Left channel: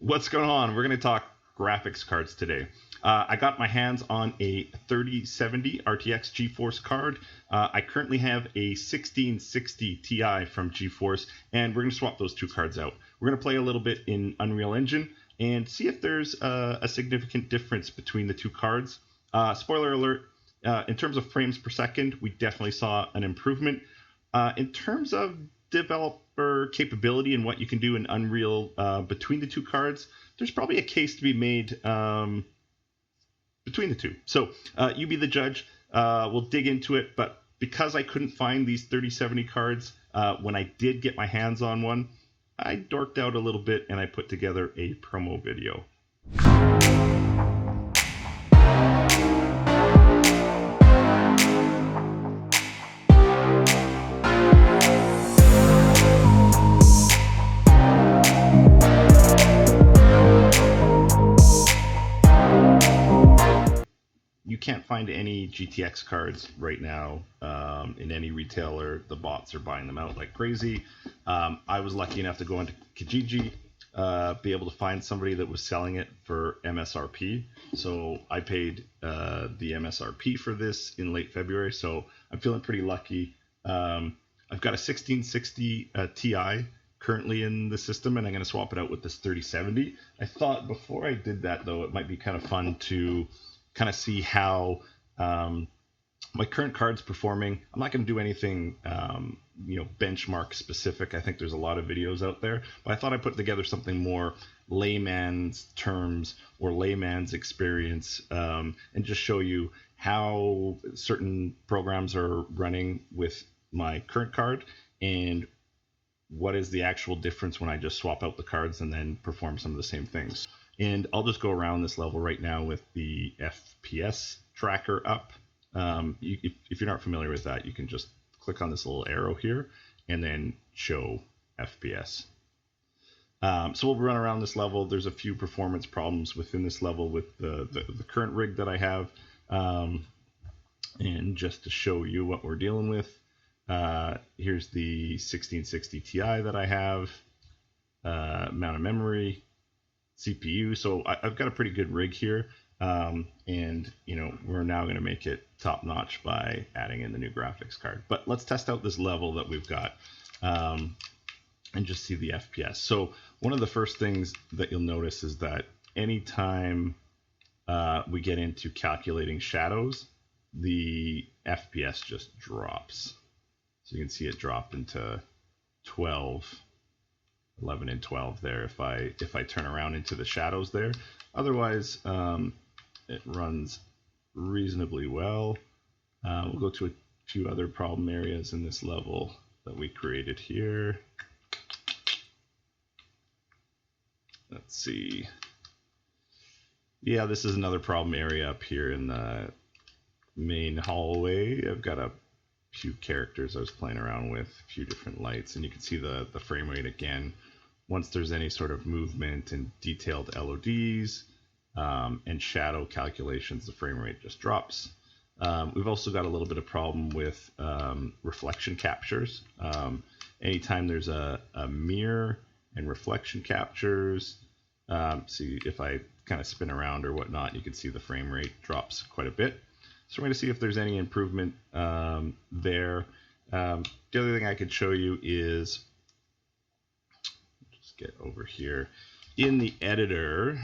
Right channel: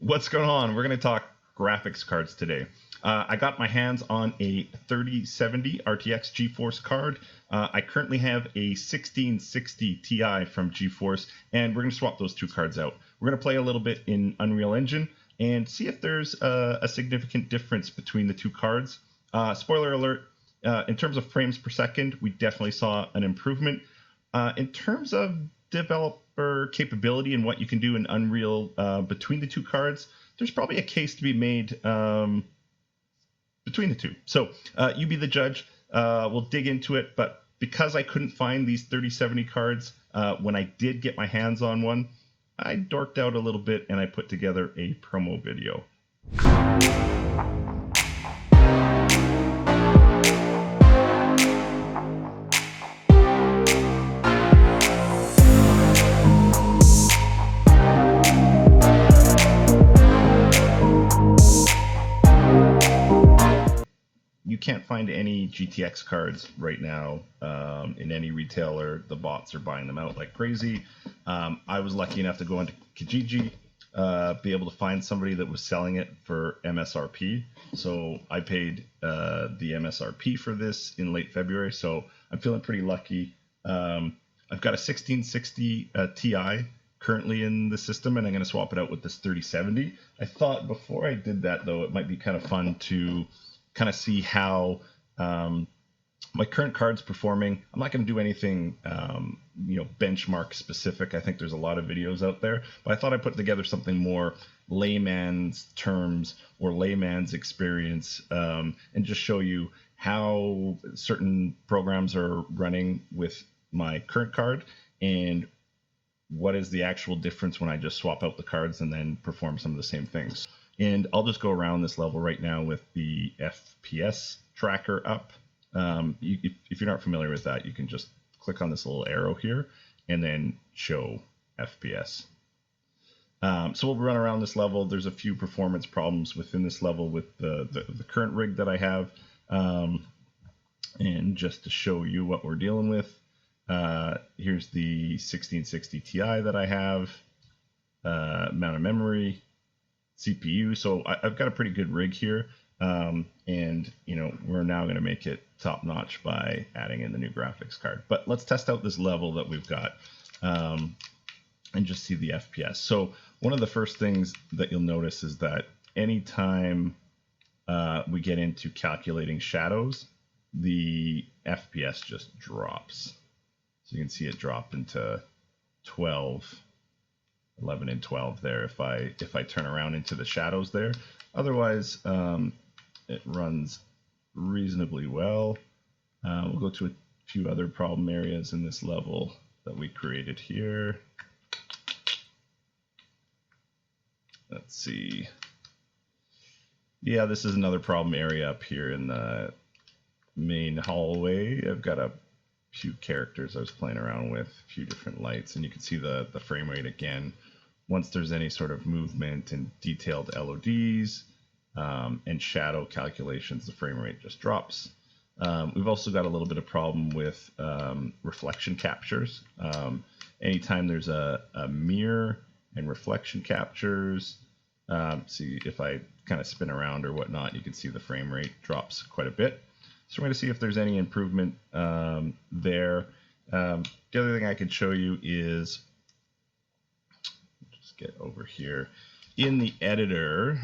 What's going on? We're going to talk graphics cards today. I got my hands on a 3070 RTX GeForce card. I currently have a 1660 Ti from GeForce, and we're going to swap those two cards out. We're going to play a little bit in Unreal Engine and see if there's a significant difference between the two cards. Spoiler alert, in terms of frames per second, we definitely saw an improvement. In terms of developer capability and what you can do in Unreal between the two cards, there's probably a case to be made between the two. So you be the judge. We'll dig into it. But because I couldn't find these 3070 cards when I did get my hands on one, I dorked out a little bit and I put together a promo video. You can't find any GTX cards right now in any retailer. The bots are buying them out like crazy. I was lucky enough to go into Kijiji, be able to find somebody that was selling it for MSRP. So I paid the MSRP for this in late February. So I'm feeling pretty lucky. I've got a 1660 Ti currently in the system, and I'm going to swap it out with this 3070. I thought before I did that, though, it might be kind of fun to kind of see how my current card's performing. I'm not going to do anything benchmark specific. I think there's a lot of videos out there, but I thought I'd put together something more layman's terms or layman's experience, and just show you how certain programs are running with my current card and what is the actual difference when I just swap out the cards and then perform some of the same things. And I'll just go around this level right now with the FPS tracker up. If you're not familiar with that, you can just click on this little arrow here and then show FPS. So we'll run around this level. There's a few performance problems within this level with the current rig that I have. And just to show you what we're dealing with, here's the 1660 Ti that I have, amount of memory, CPU. So I've got a pretty good rig here, and we're now going to make it top notch by adding in the new graphics card. But let's test out this level that we've got and just see the FPS. So one of the first things that you'll notice is that anytime we get into calculating shadows, the FPS just drops. So you can see it drop into 11 and 12 there if I turn around into the shadows there. Otherwise, it runs reasonably well. We'll go to a few other problem areas in this level that we created here. Let's see. Yeah, this is another problem area up here in the main hallway. I've got a few characters I was playing around with, a few different lights, and you can see the frame rate again. Once there's any sort of movement and detailed LODs and shadow calculations, the frame rate just drops. We've also got a little bit of problem with reflection captures. Anytime there's a mirror and reflection captures, see if I kind of spin around or whatnot, you can see the frame rate drops quite a bit. So we're going to see if there's any improvement there. The other thing I could show you is, just get over here, in the editor,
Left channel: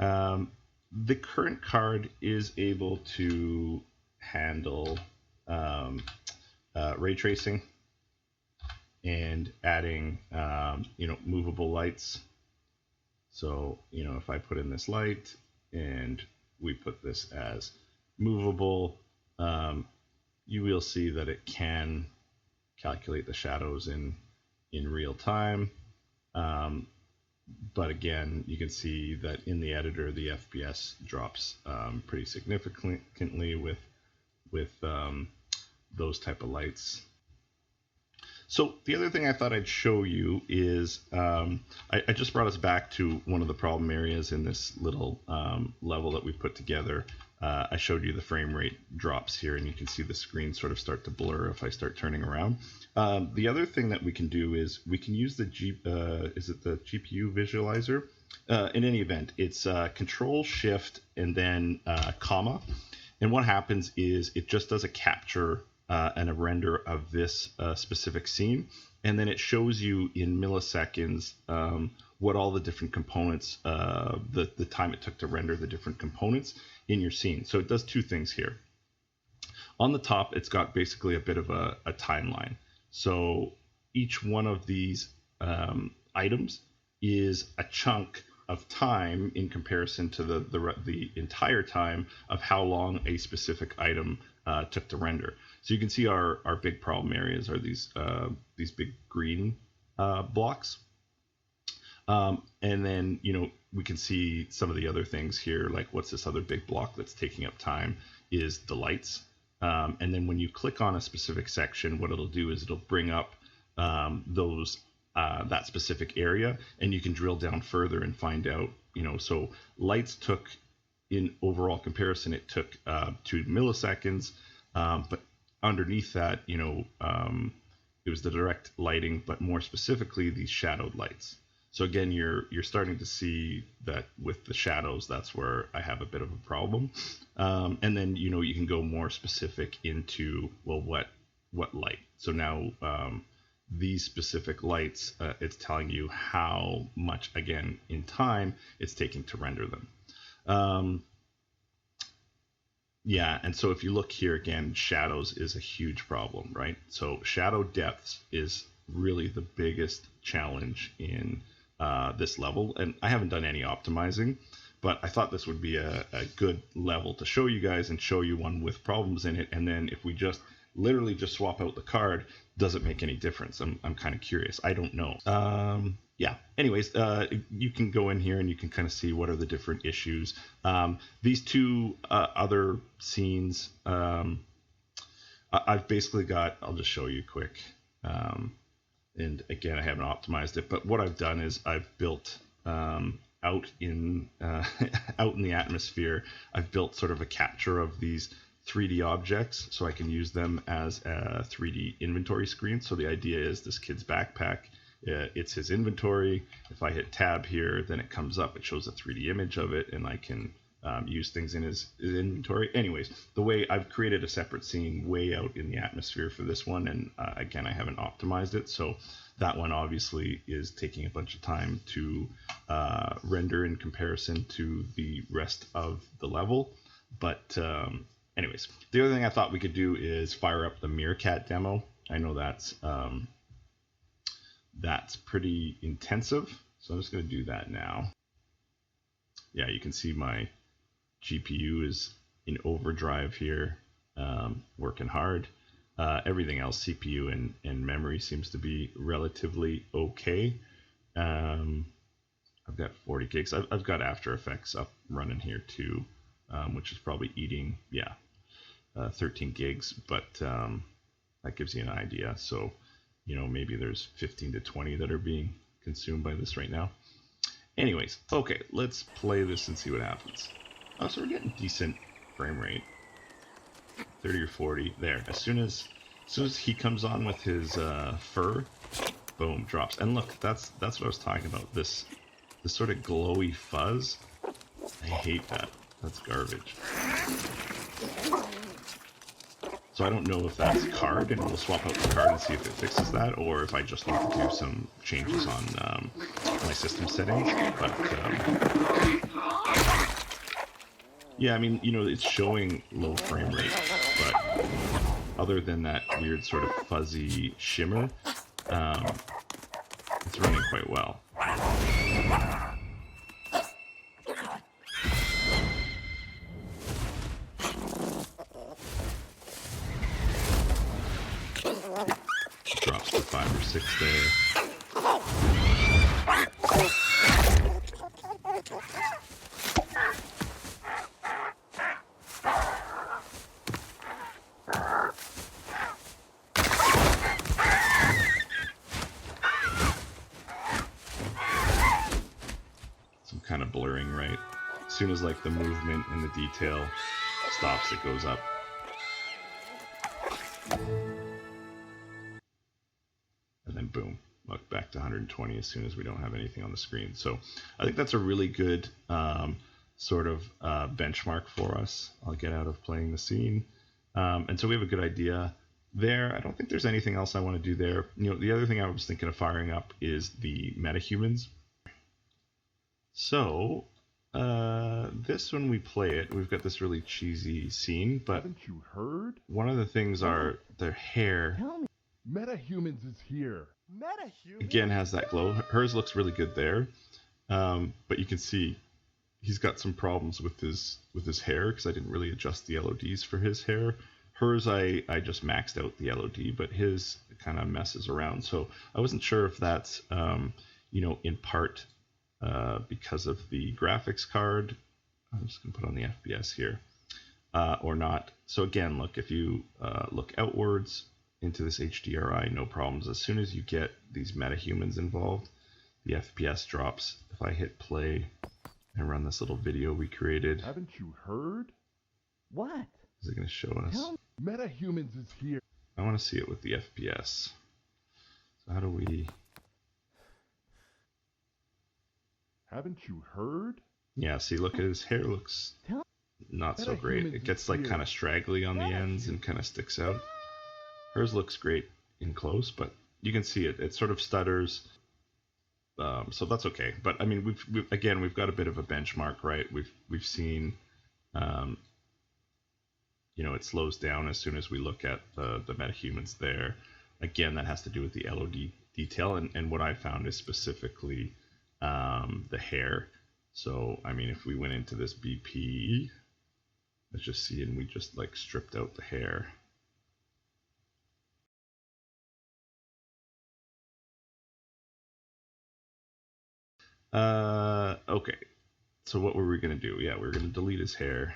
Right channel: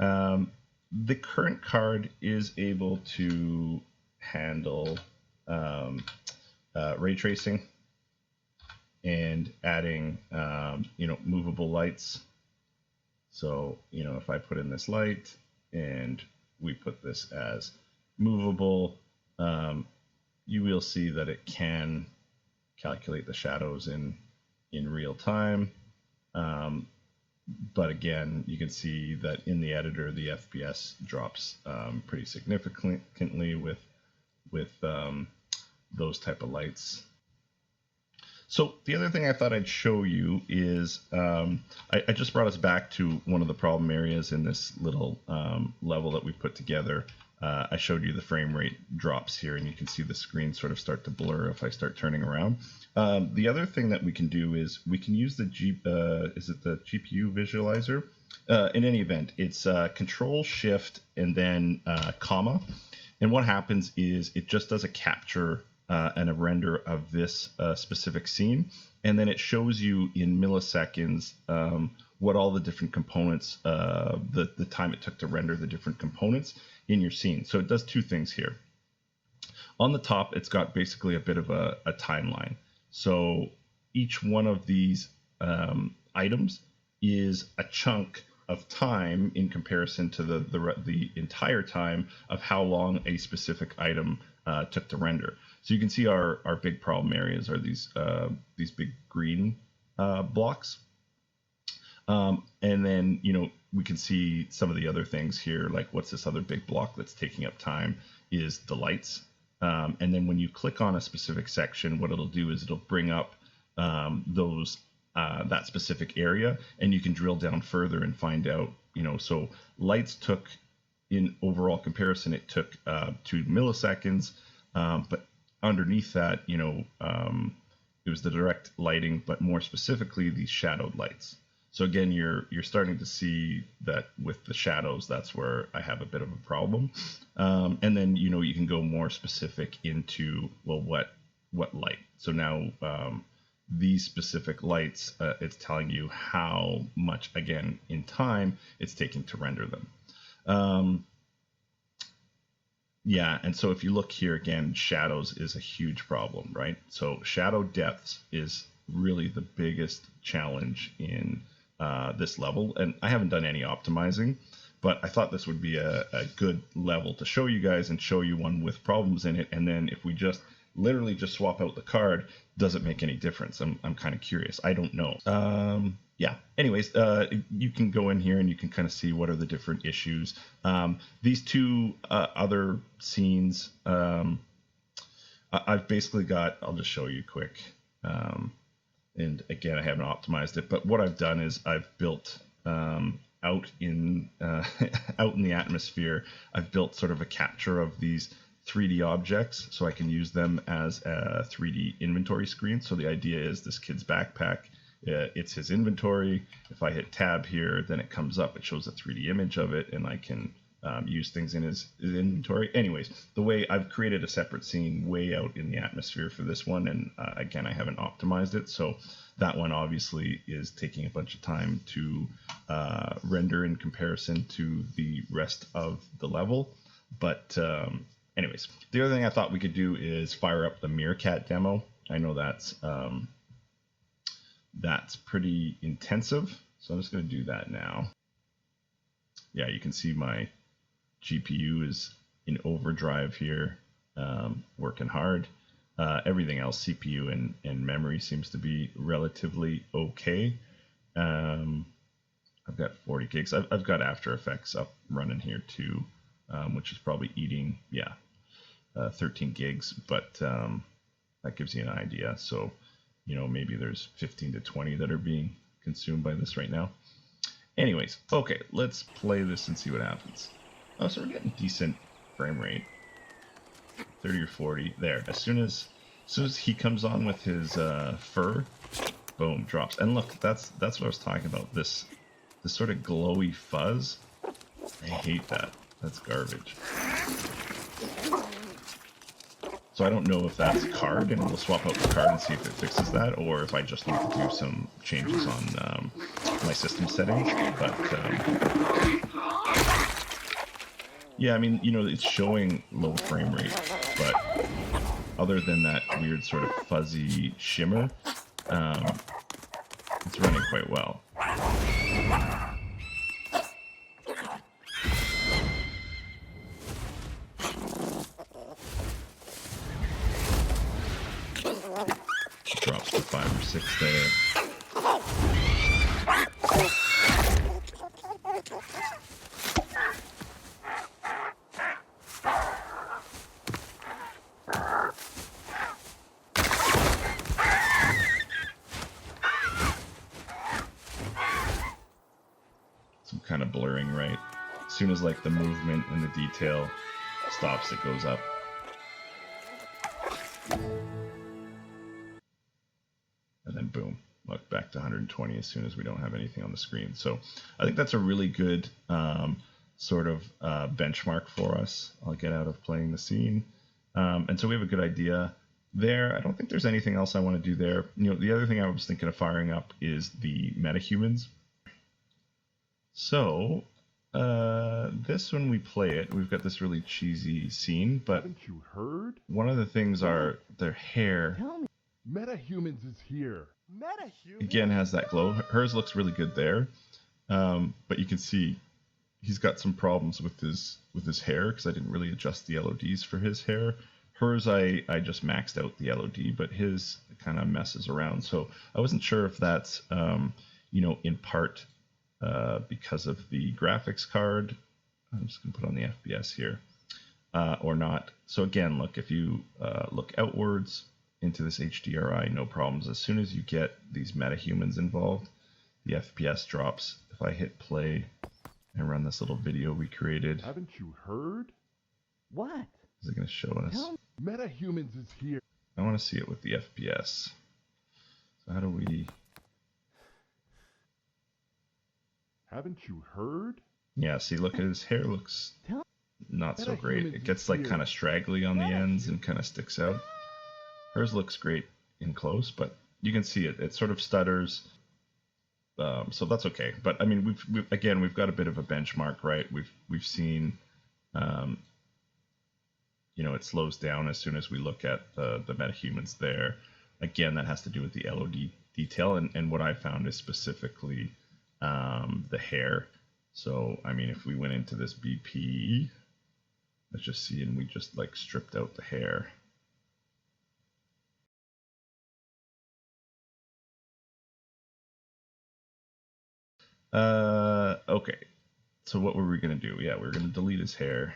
the current card is able to handle ray tracing and adding movable lights. So if I put in this light and we put this as movable, you will see that it can calculate the shadows in real time. But again, you can see that in the editor, the FPS drops pretty significantly with those type of lights. So the other thing I thought I'd show you is I just brought us back to one of the problem areas in this little level that we put together. I showed you the frame rate drops here, and you can see the screen sort of start to blur if I start turning around. The other thing that we can do is we can use the GPU visualizer. In any event, it's Control Shift and then comma, and what happens is it just does a capture and a render of this specific scene, and then it shows you in milliseconds what all the different components, the time it took to render the different components in your scene. So it does two things here. On the top, it's got basically a bit of a timeline. So each one of these items is a chunk of time in comparison to the entire time of how long a specific item took to render. So you can see our big problem areas are these big green blocks. And then, we can see some of the other things here, like what's this other big block that's taking up time is the lights. And then when you click on a specific section, what it'll do is it'll bring up that specific area, and you can drill down further and find out, so lights took, in overall comparison, it took 2 milliseconds, but underneath that, it was the direct lighting, but more specifically, these shadowed lights. So again, you're starting to see that with the shadows, that's where I have a bit of a problem. And then, you can go more specific into, well, what light? So now these specific lights, it's telling you how much, again, in time it's taking to render them. Yeah, and so if you look here again, shadows is a huge problem, right? So shadow depths is really the biggest challenge in this level, and I haven't done any optimizing, but I thought this would be a good level to show you guys and show you one with problems in it. And then if we just literally just swap out the card, does it make any difference? I'm kind of curious. I don't know. Yeah, anyways, you can go in here and you can kind of see what are the different issues. These two other scenes, I've basically got, I'll just show you quick. And again, I haven't optimized it, but what I've done is I've built out in the atmosphere, I've built sort of a capture of these 3D objects so I can use them as a 3D inventory screen. So the idea is this kid's backpack, it's his inventory. If I hit tab here, then it comes up, it shows a 3D image of it, and I can use things in his inventory. Anyways, the way I've created a separate scene way out in the atmosphere for this one, and again, I haven't optimized it, so that one obviously is taking a bunch of time to render in comparison to the rest of the level. But anyways, the other thing I thought we could do is fire up the Meerkat demo. I know that's pretty intensive, so I'm just going to do that now. Yeah, you can see my GPU is in overdrive here, working hard. Everything else, CPU and memory, seems to be relatively okay. I've got 40 gigs. I've got After Effects up running here too, which is probably eating, 13 gigs, but that gives you an idea. So, maybe there's 15 to 20 that are being consumed by this right now. Anyways, okay, let's play this and see what happens. Oh, so we're getting decent frame rate, 30 or 40 there. As soon as he comes on with his fur, boom, drops. And look, that's what I was talking about. This sort of glowy fuzz. I hate that. That's garbage. So I don't know if that's card, and we'll swap out the card and see if it fixes that, or if I just need to do some changes on my system settings. But yeah, I mean, it's showing low frame rate, but other than that weird sort of fuzzy shimmer, it's running quite well. Drops to 5 or 6 there. Some kind of blurring, right? As soon as like the movement and the detail stops, it goes up. And then boom, look, back to 120 as soon as we don't have anything on the screen. So I think that's a really good sort of benchmark for us. I'll get out of playing the scene. And so we have a good idea there. I don't think there's anything else I want to do there. You know, the other thing I was thinking of firing up is the Metahumans. So this, when we play it, we've got this really cheesy scene, but haven't you heard? one of the things are their hair. Tell me. Metahumans is here. Metahumans? Again, has that glow. Hers looks really good there, but you can see he's got some problems with his hair because I didn't really adjust the LODs for his hair. Hers, I just maxed out the LOD, but his kind of messes around. So I wasn't sure if that's you know, in part because of the graphics card. I'm just gonna put on the FPS here, or not. So again, look, if you look outwards into this HDRI, no problems. As soon as you get these metahumans involved, the FPS drops. If I hit play and run this little video we created, haven't you heard? What? is it going to show us? Metahumans is here. I want to see it with the FPS. So how do we? Haven't you heard? Yeah, see, look at his hair. Looks not so great. It gets like kind of straggly on the ends and kind of sticks out. Hers looks great in close, but you can see it. It sort of stutters. So that's okay. But I mean, we've got a bit of a benchmark, right? We've seen, you know, it slows down as soon as we look at the metahumans there. Again, that has to do with the LOD detail, and what I found is specifically the hair. So I mean, if we went into this BP, let's just see, and we just like stripped out the hair. Okay, so what were we gonna do? Yeah, we were gonna delete his hair.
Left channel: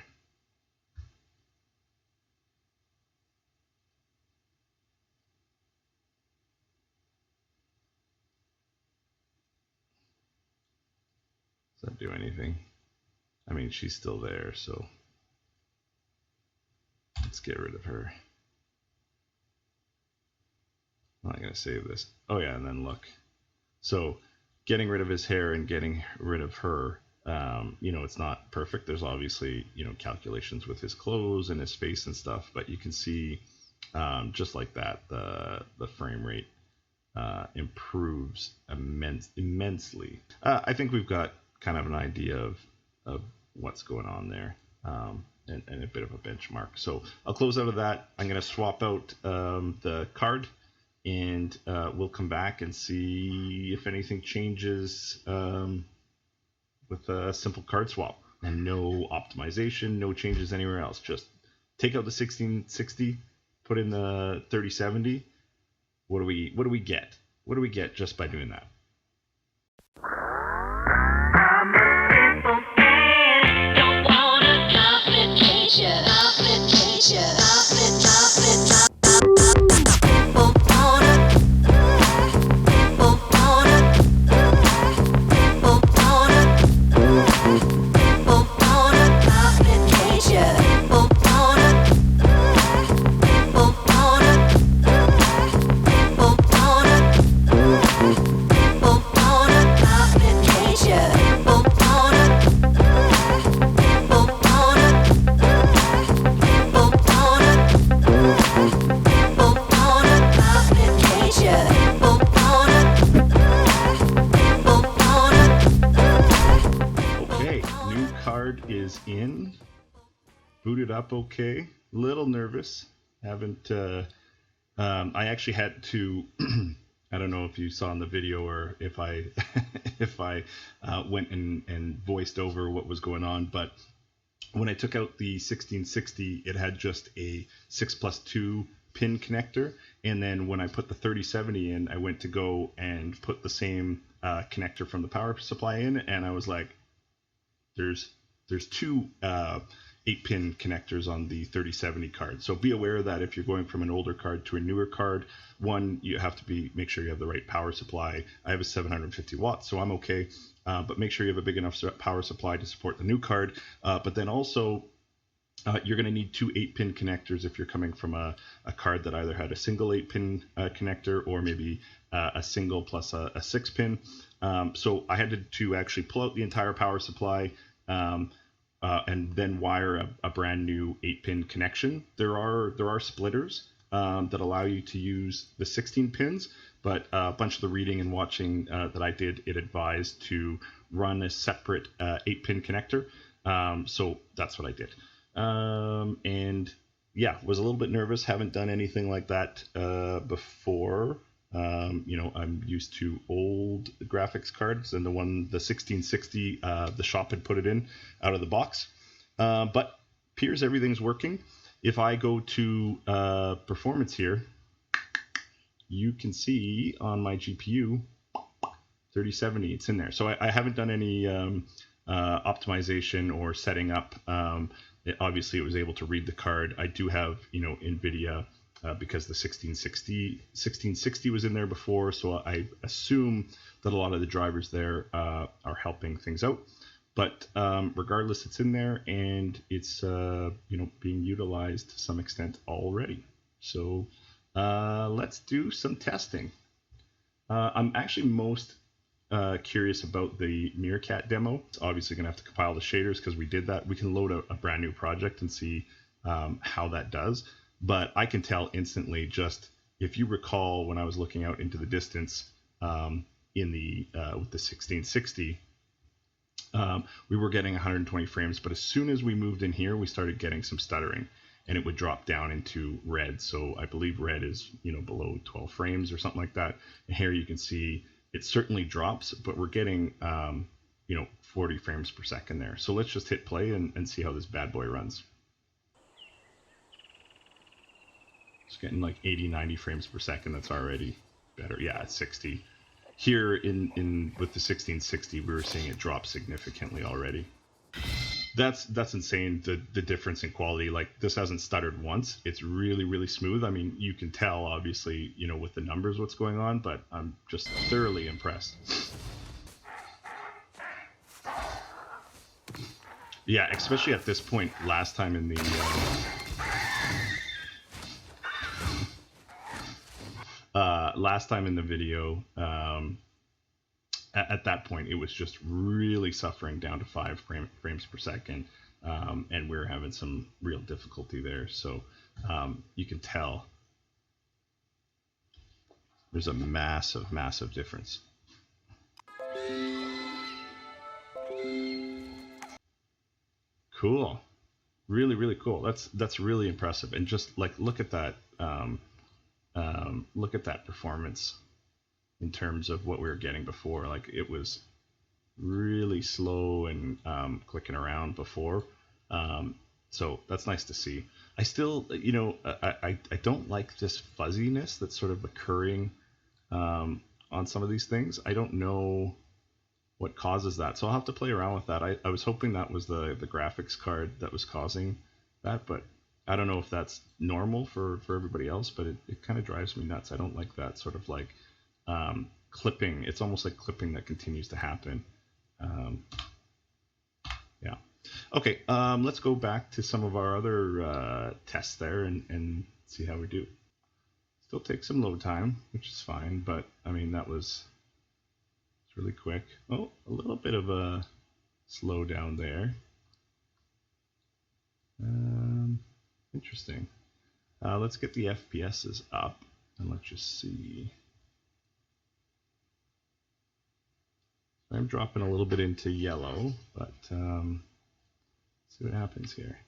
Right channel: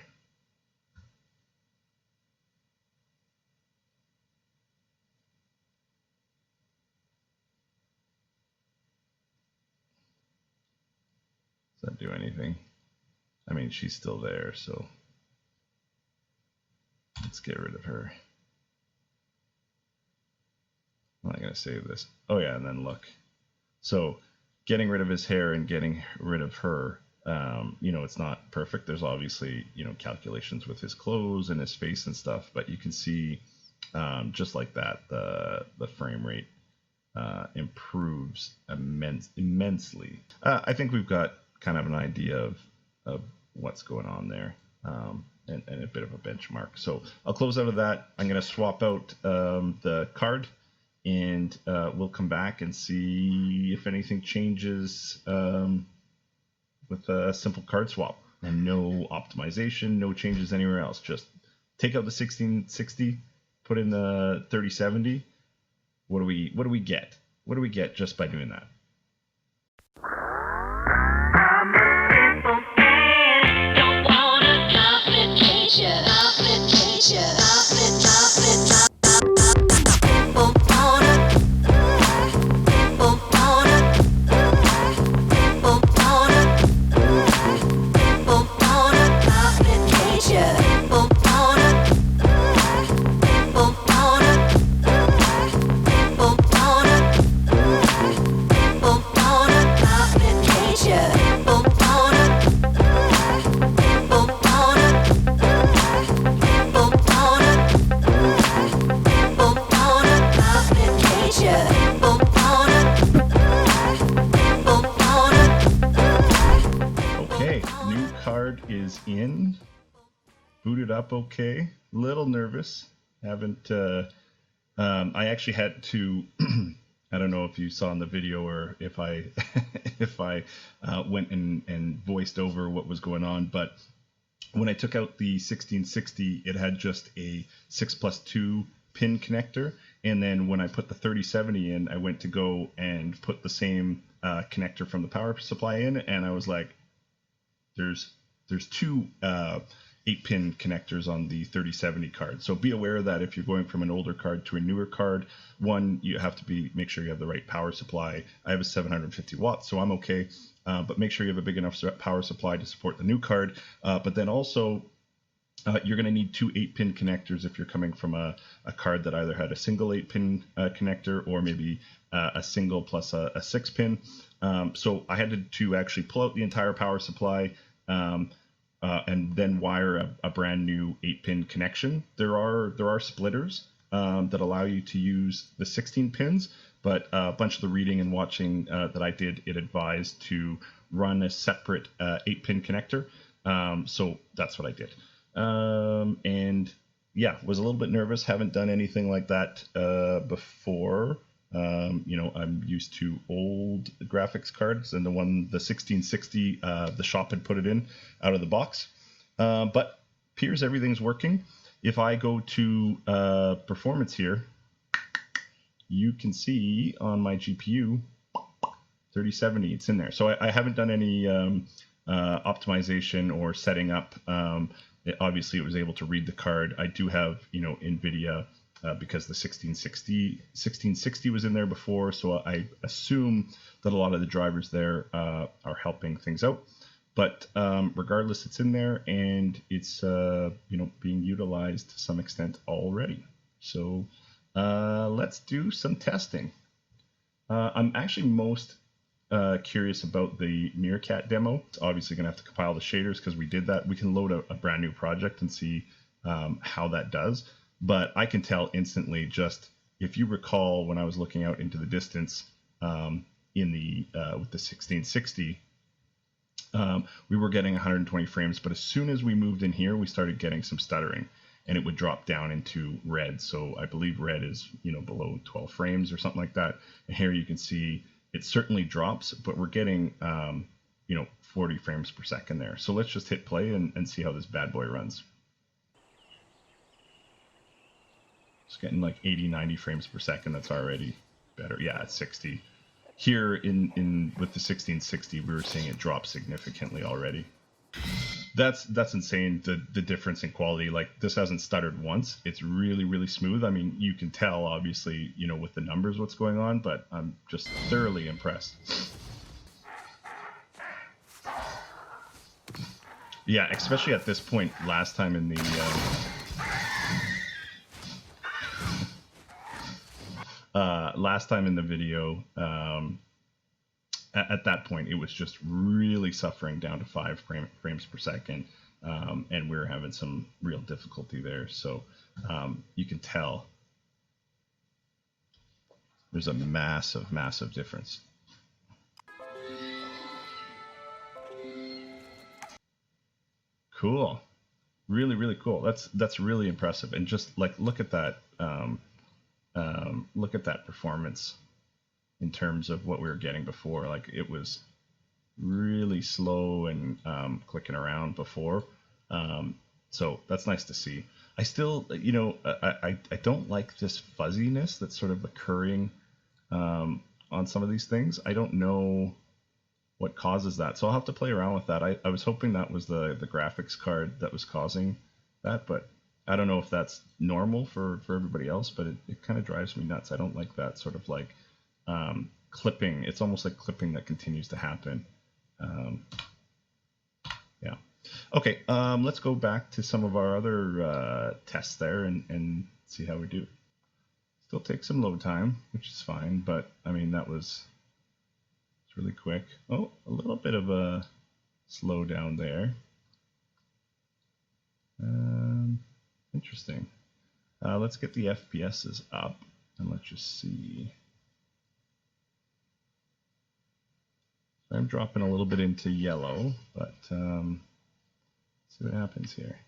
Does that do anything? I mean, she's still there, so let's get rid of her. I'm not gonna save this. Oh yeah, and then look. So getting rid of his hair and getting rid of her, you know, it's not perfect. There's obviously, you know, calculations with his clothes and his face and stuff, but you can see just like that, the frame rate improves immensely. I think we've got kind of an idea of what's going on there, and a bit of a benchmark. So I'll close out of that. I'm going to swap out the card, and we'll come back and see if anything changes with a simple card swap, and no optimization, no changes anywhere else. Just take out the 1660, put in the 3070. What do we get? What do we get just by doing that? Don't wanna complicate ya. Is in, booted up okay, little nervous, haven't I actually had to I don't know if you saw in the video or if I if I went and voiced over what was going on, but when I took out the 1660, it had just a 6+2 pin connector, and then when I put the 3070 in, I went to go and put the same connector from the power supply in, and I was like, there's two 8-pin connectors on the 3070 card. So be aware that if you're going from an older card to a newer card, one, you have to make sure you have the right power supply. I have a 750 watts, so I'm okay. But make sure you have a big enough power supply to support the new card. But then also, You're going to need two 8-pin connectors if you're coming from a card that either had a single 8-pin connector or maybe a single plus a 6-pin. So I had to actually pull out the entire power supply and then wire a brand new 8-pin connection. There are splitters that allow you to use the 16 pins, but a bunch of the reading and watching that I did, it advised to run a separate 8-pin connector. So that's what I did. And yeah, was a little bit nervous. Haven't done anything like that before. I'm used to old graphics cards, and the 1660, the shop had put it in out of the box. But appears everything's working. If I go to performance here, you can see on my GPU 3070, it's in there. So I haven't done any optimization or setting up. Obviously, it was able to read the card. I do have, Nvidia because the 1660 was in there before, so I assume that a lot of the drivers there are helping things out. But regardless, it's in there and it's being utilized to some extent already. So let's do some testing. I'm actually most curious about the Meerkat demo. It's obviously going to have to compile the shaders because we did that. We can load a brand new project and see how that does. But I can tell instantly, just if you recall when I was looking out into the distance with the 1660, we were getting 120 frames. But as soon as we moved in here, we started getting some stuttering, and it would drop down into red. So I believe red is below 12 frames or something like that. And here you can see it certainly drops, but we're getting 40 frames per second there. So let's just hit play and see how this bad boy runs. It's getting like 80, 90 frames per second. That's already better. Yeah, it's 60. Here with the 1660, we were seeing it drop significantly already. That's insane, the difference in quality. Like, this hasn't stuttered once. It's really, really smooth. I mean, you can tell, obviously, with the numbers what's going on, but I'm just thoroughly impressed. Yeah, especially at this point, last time in the video, at that point, it was just really suffering down to 5 frames per second, and we were having some real difficulty there. So you can tell there's a massive, massive difference. Cool, really, really cool. That's really impressive. And just like look at that performance. In terms of what we were getting before, like it was really slow and clicking around before. So that's nice to see. I still, I don't like this fuzziness that's sort of occurring on some of these things. I don't know what causes that, so I'll have to play around with that. I was hoping that was the graphics card that was causing that, but I don't know if that's normal for everybody else, but it kind of drives me nuts. I don't like that sort of like clipping. It's almost like clipping that continues to happen. Yeah. Okay, let's go back to some of our other tests there and see how we do. Still takes some load time, which is fine, but I mean, it's really quick. Oh, a little bit of a slowdown there. Interesting. Let's get the FPSs up and let's just see. I'm dropping a little bit into yellow, but see what happens here.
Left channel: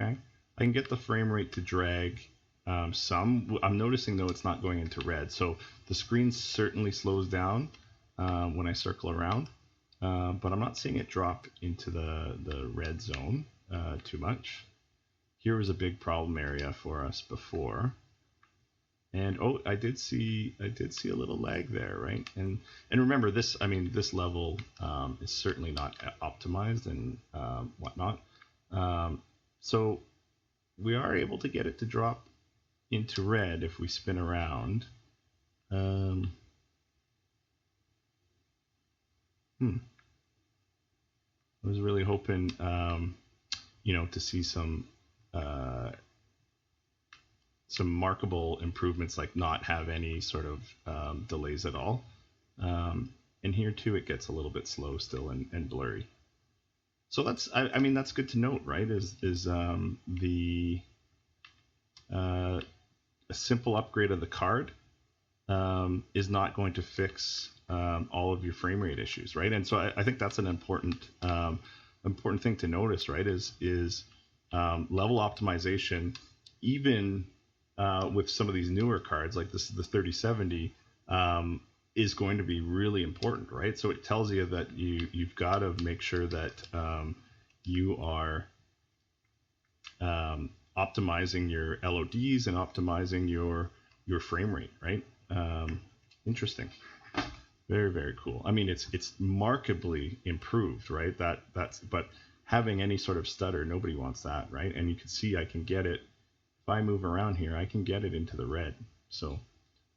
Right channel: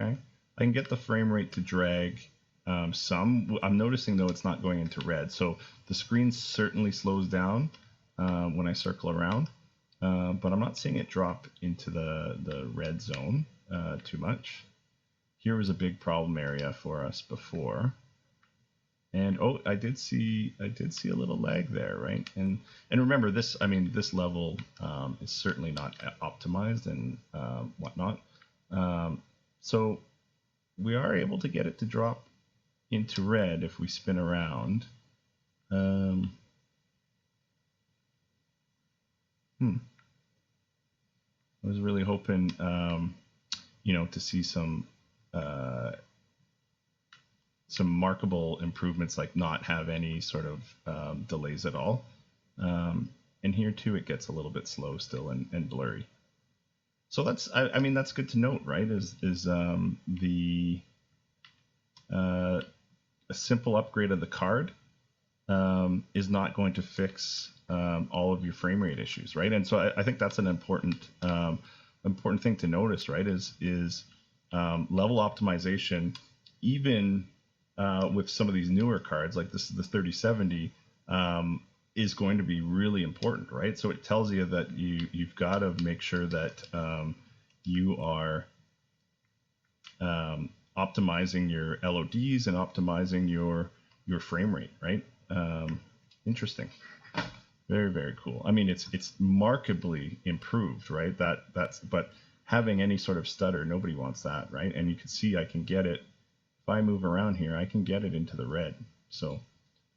Okay, I can get the frame rate to drag some. I'm noticing though it's not going into red, so the screen certainly slows down when I circle around, but I'm not seeing it drop into the red zone too much. Here was a big problem area for us before. And oh, I did see a little lag there, right? And remember this, I mean, this level is certainly not optimized and whatnot. So we are able to get it to drop into red if we spin around. I was really hoping, to see some markable improvements, like not have any sort of delays at all. And here too, it gets a little bit slow still and blurry. So that's, I mean, that's good to note, right? A simple upgrade of the card is not going to fix all of your frame rate issues, right? And so I think that's an important thing to notice, right? Is level optimization, even with some of these newer cards, like this is the 3070, is going to be really important, right? So it tells you that you've got to make sure that you are optimizing your LODs and optimizing your frame rate, right? Interesting. Very, very cool. I mean, it's markedly improved, right? But having any sort of stutter, nobody wants that, right? And you can see I can get it, if I move around here, I can get it into the red. So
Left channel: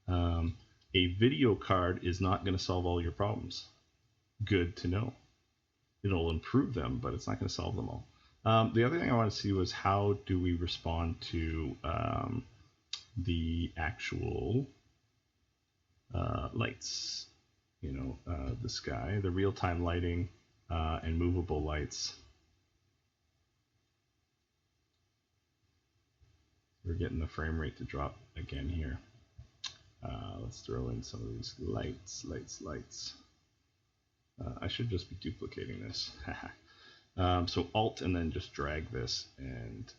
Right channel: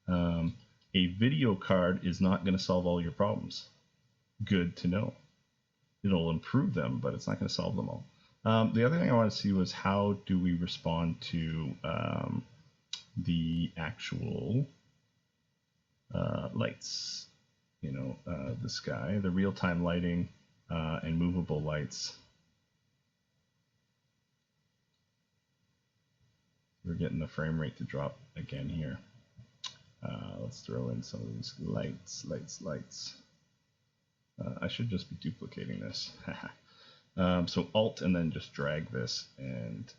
a video card is not going to solve all your problems. Good to know. It'll improve them, but it's not going to solve them all. The other thing I want to see was how do we respond to the actual lights. The sky, the real-time lighting, and movable lights. We're getting the frame rate to drop again here. Let's throw in some of these lights. I should just be duplicating this. So Alt and then just drag this, and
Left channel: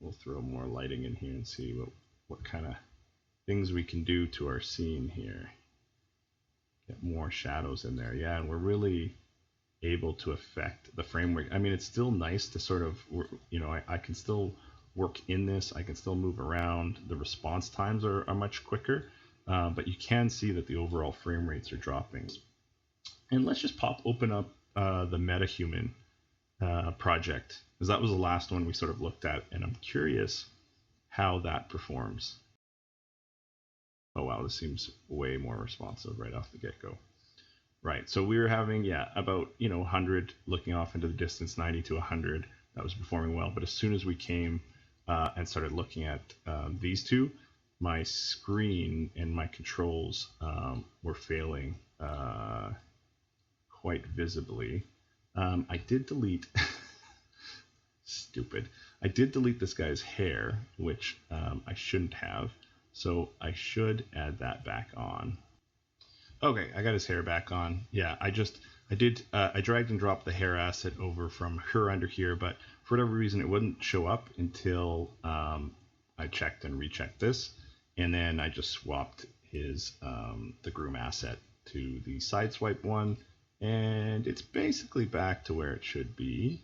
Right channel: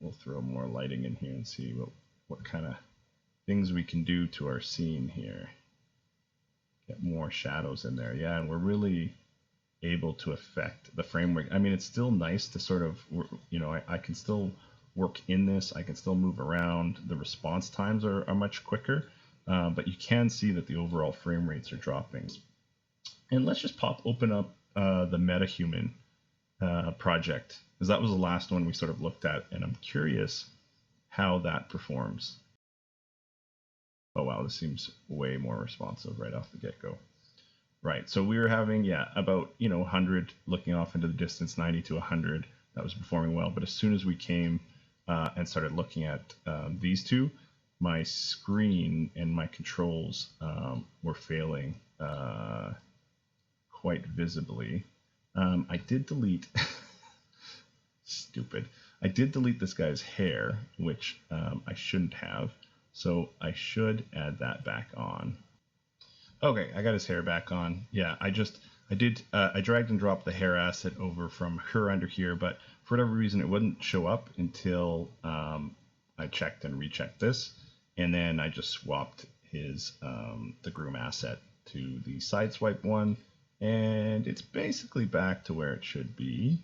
we'll throw more lighting in here and see what kind of things we can do to our scene here. Get more shadows in there. Yeah, and we're really able to affect the frame rate. I mean, it's still nice to sort of, I can still work in this. I can still move around. The response times are much quicker, but you can see that the overall frame rates are dropping. And let's just open up the Metahuman project, because that was the last one we sort of looked at, and I'm curious how that performs. Oh wow, this seems way more responsive right off the get-go. Right, so we were having, about 100 looking off into the distance, 90 to 100. That was performing well, but as soon as we came and started looking at these two, my screen and my controls were failing quite visibly. I did delete, stupid, I did delete this guy's hair, which I shouldn't have. So I should add that back on. Okay, I got his hair back on. Yeah, I dragged and dropped the hair asset over from her under here, but for whatever reason it wouldn't show up until I checked and rechecked this, and then I just swapped his the groom asset to the sideswipe one, and it's basically back to where it should be.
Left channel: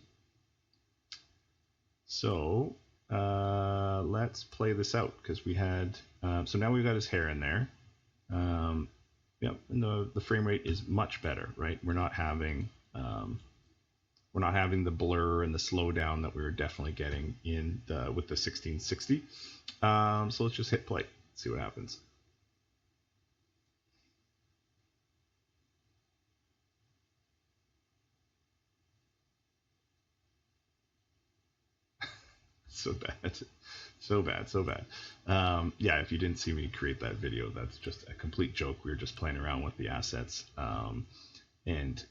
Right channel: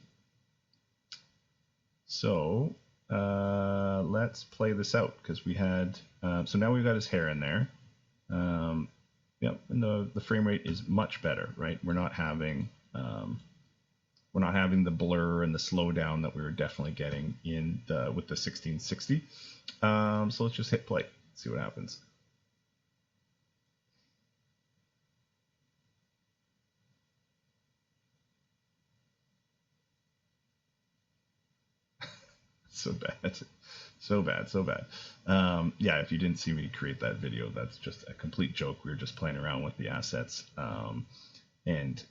So let's play this out, because we had so now we've got his hair in there. And the frame rate is much better, right? We're not having the blur and the slowdown that we were definitely getting with the 1660. So let's just hit play, see what happens. So bad. Yeah, if you didn't see me create that video, that's just a complete joke. We were just playing around with the assets and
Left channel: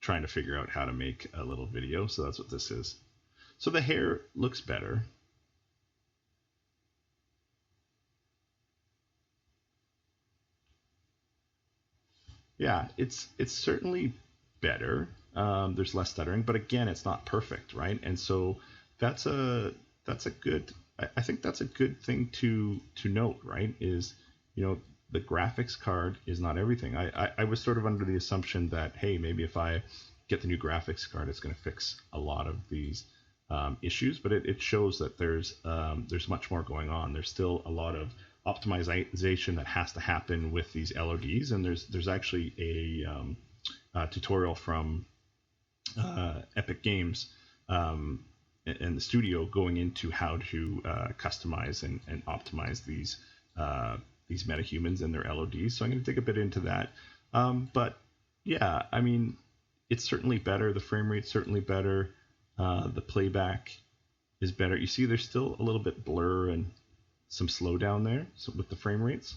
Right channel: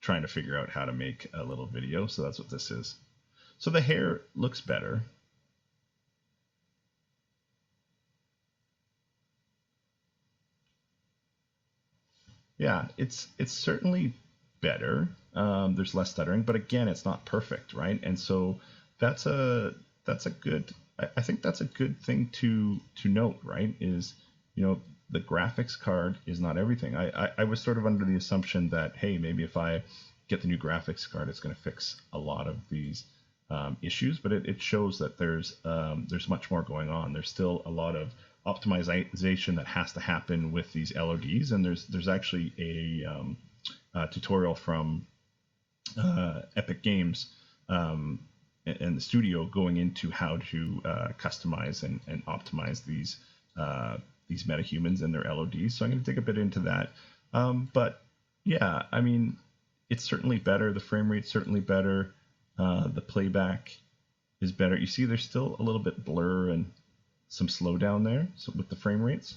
trying to figure out how to make a little video. So that's what this is. So the hair looks better. Yeah, it's certainly better. There's less stuttering, but again, it's not perfect, right? And so that's a good, I think that's a good thing to note, right? Is, the graphics card is not everything. I was sort of under the assumption that, hey, maybe if I get the new graphics card, it's going to fix a lot of these issues, but it shows that there's much more going on. There's still a lot of optimization that has to happen with these LODs, and there's actually a tutorial from Epic Games and the studio going into how to customize and optimize these metahumans and their LODs. So I'm going to dig a bit into that. But Yeah, I mean, it's certainly better. The frame rate's certainly better. The playback is better. You see, there's still a little bit blur and some slowdown there with the frame rates.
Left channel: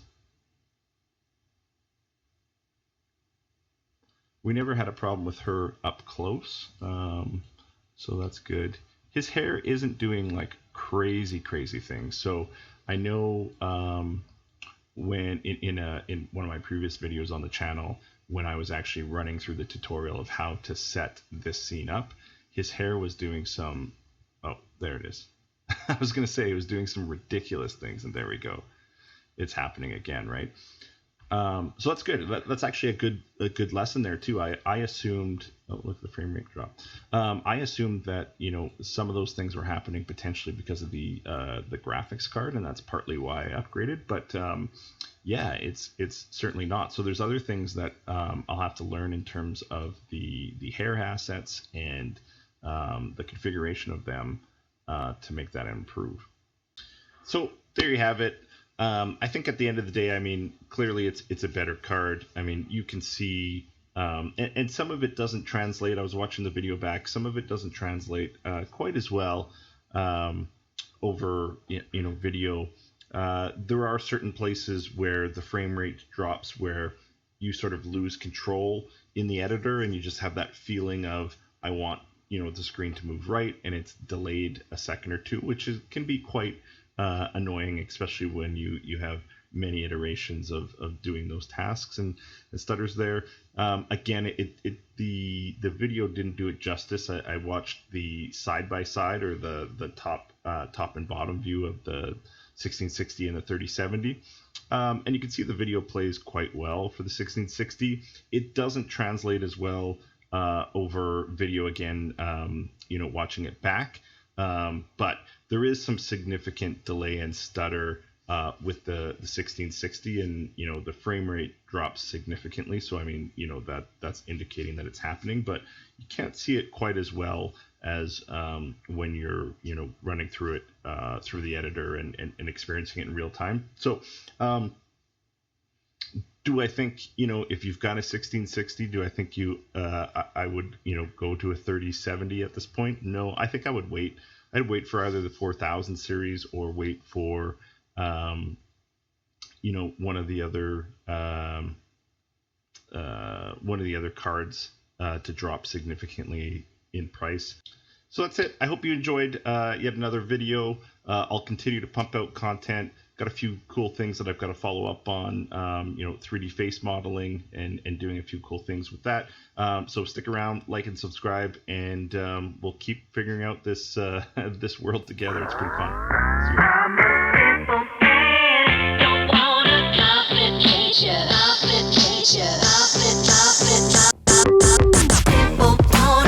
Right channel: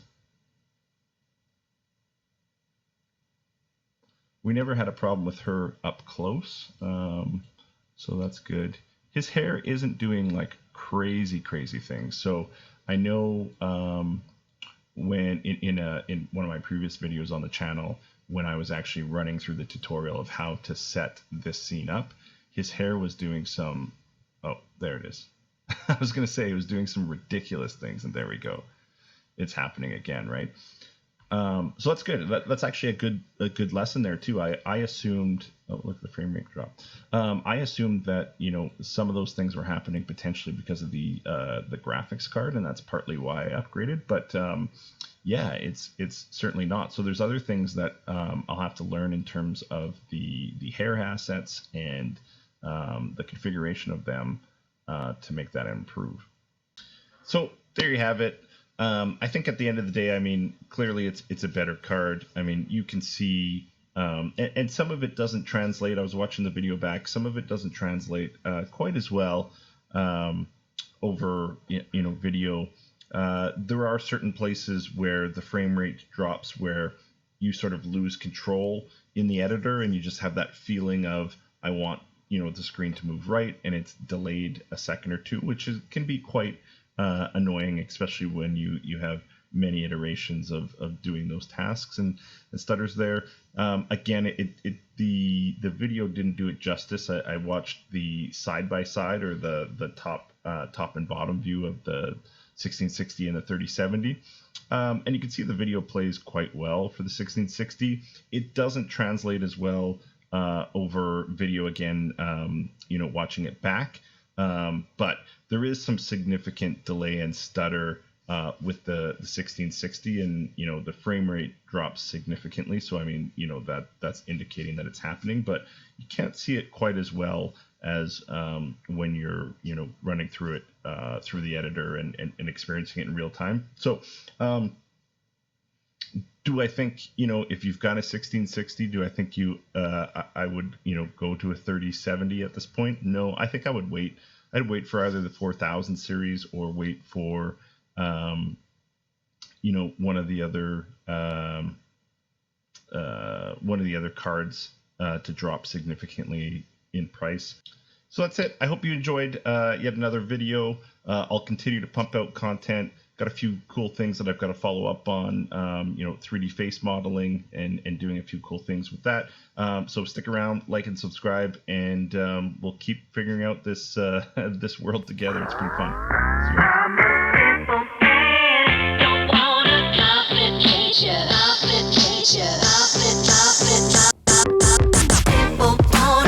We never had a problem with her up close, so that's good. His hair isn't doing like crazy things. So I know when in one of my previous videos on the channel, when I was actually running through the tutorial of how to set this scene up, his hair was doing some, oh, there it is. I was going to say it was doing some ridiculous things, and there we go. It's happening again, right? So that's good. That's actually a good lesson there too. I assumed, oh look, the frame rate dropped. I assumed that some of those things were happening potentially because of the graphics card, and that's partly why I upgraded. But yeah, it's certainly not. So there's other things that I'll have to learn in terms of the hair assets and the configuration of them to make that improve. So there you have it. I think at the end of the day, I mean, clearly it's a better card. I mean, you can see, and some of it doesn't translate. I was watching the video back. Some of it doesn't translate quite as well over video. There are certain places where the frame rate drops where you sort of lose control in the editor, and you just have that feeling of, I want the screen to move right, and it's delayed a second or two, which can be quite annoying, especially when you have many iterations of doing those tasks and stutters there. Again, the video didn't do it justice. I watched the side by side, or the top and bottom view of the 1660 and the 3070, and you can see the video plays quite well for the 1660. It doesn't translate as well over video again, watching it back. But there is some significant delay and stutter with the 1660, and the frame rate drops significantly. So I mean, that's indicating that it's happening, but you can't see it quite as well as when you're running through it through the editor and experiencing it in real time. So do I think, if you've got a 1660, do I think I would go to a 3070 at this point? No, I think I would wait. I'd wait for either the 4000 series, or wait for one of the other cards to drop significantly in price. So that's it. I hope you enjoyed yet another video. I'll continue to pump out content. Got a few cool things that I've got to follow up on, 3D face modeling and doing a few cool things with that. So stick around, like and subscribe, and we'll keep figuring out this this world together. It's been fun. See you. Don't want a complication.